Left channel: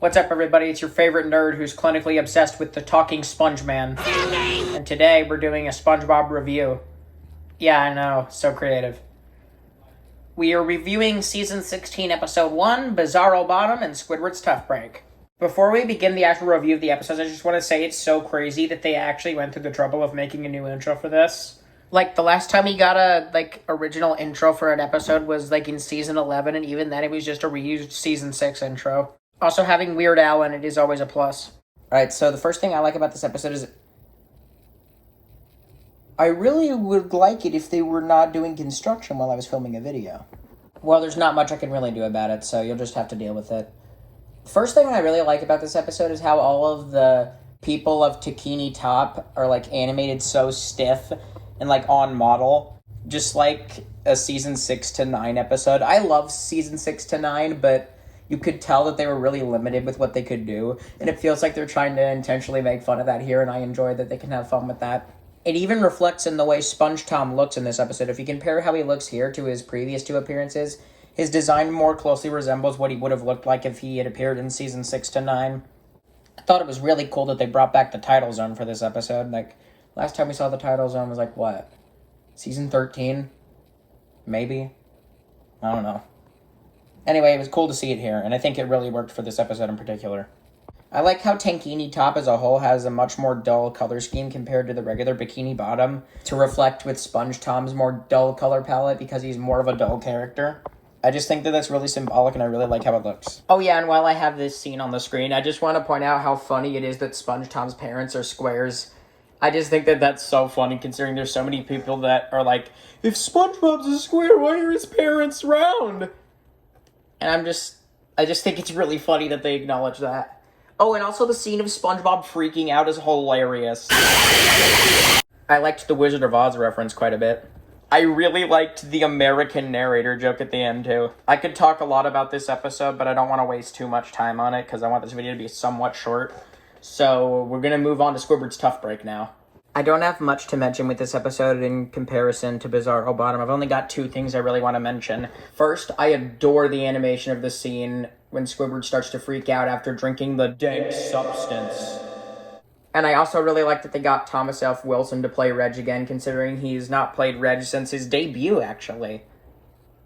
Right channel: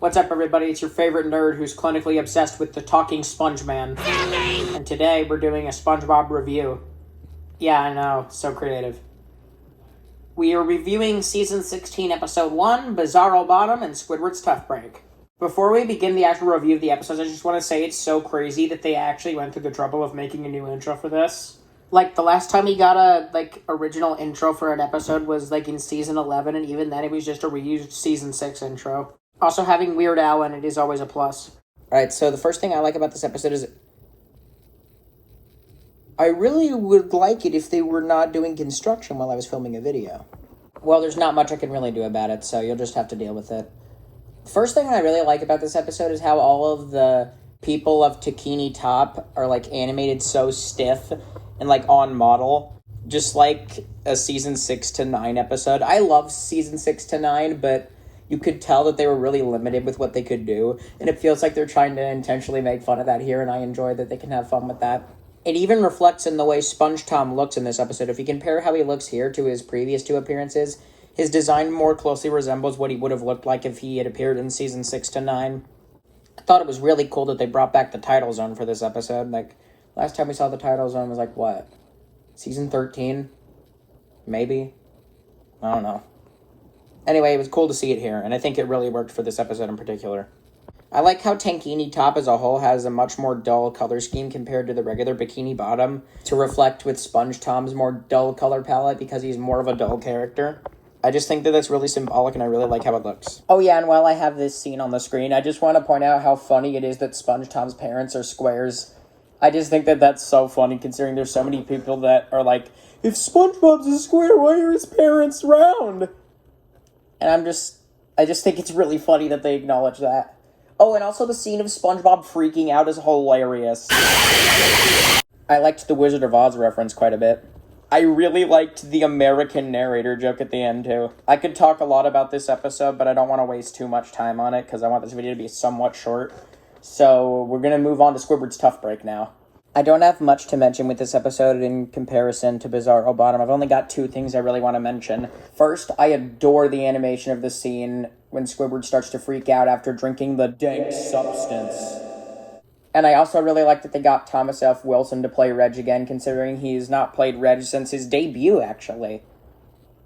What's up, everybody? It's your favorite nerd who's clinically obsessed with the talking sponge man. And today we're doing a SpongeBob review. Yeah, I know, so creative. We are reviewing Season 16, Episode 1, Bizarro Bottom, and Squidward's Tough Break. Before we begin the actual review of the episodes, I just want to say it's so crazy that they actually went through the trouble of making a new intro for this. Like, the last time we got a, original intro for an episode was, in Season 11, and even then it was just a reused Season 6 intro. Also, having Weird Al in it is always a plus. Alright, so the first thing I like about this episode is I really would like it if they were not doing construction while I was filming a video. Well, there's not much I can really do about it, so you'll just have to deal with it. First thing I really like about this episode is how all of the people of Bikini Top are, animated so stiff and, on model. Just like a Season 6 to 9 episode. I love Season 6 to 9, but you could tell that they were really limited with what they could do, and it feels like they're trying to intentionally make fun of that here, and I enjoy that they can have fun with that. It even reflects in the way Sponge Tom looks in this episode. If you compare how he looks here to his previous two appearances, his design more closely resembles what he would have looked like if he had appeared in Season 6 to 9. I thought it was really cool that they brought back the title zone for this episode. Last time we saw the title zone was what? Season 13? Maybe? I don't know. Anyway, it was cool to see it here, and I think it really worked for this episode in particular. I like how Tankini Top as a whole has a much more dull color scheme compared to the regular Bikini Bottom, to reflect with Sponge Tom's more dull color palette because he's more of a dull character. I just think that that's really symbolic, and I really like how it looks. Oh yeah, and while I have this scene on the screen, I just want to point out how funny it is that Sponge Tom's parents are squares. I just think that that's so funny, considering there's so many people that are like, if SpongeBob's a square, why are his parents round? And I just think it's really funny that they acknowledge that. Oh, and also the scene of SpongeBob freaking out is hilarious. I liked the Wizard of Oz reference quite a bit. I really liked the American narrator joke at the end, too. I could talk a lot about this episode, but I don't want to waste too much time on it, because I want this video to be somewhat short. So, we're going to move on to Squidward's Tough Break now. I don't have much to mention with this episode in comparison to Bizarro Bottom. I've only got two things I really want to mention. First, I adore the animation of the scene when Squidward starts to freak out after drinking the dank substance. And I also really like that they got Thomas F. Wilson to play Reg again, considering he's not played Reg since his debut, actually.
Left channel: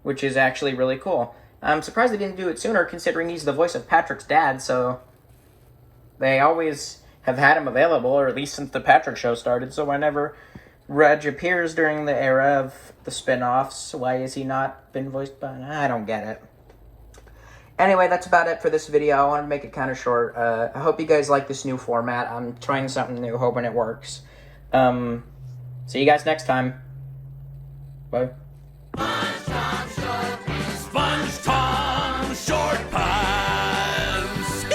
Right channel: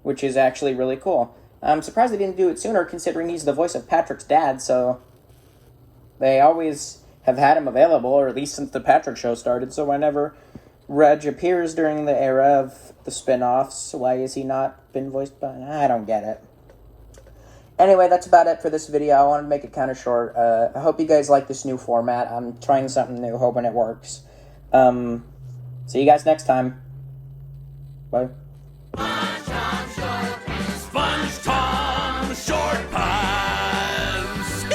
Which is actually really cool. I'm surprised they didn't do it sooner, considering he's the voice of Patrick's dad, so they always have had him available, or at least since the Patrick Show started, so whenever Reg appears during the era of the spin-offs, why has he not been voiced by... I don't get it. Anyway, that's about it for this video. I want to make it kind of short. I hope you guys like this new format. I'm trying something new, hoping it works. See you guys next time. Bye. Sponge Tom Short Pants!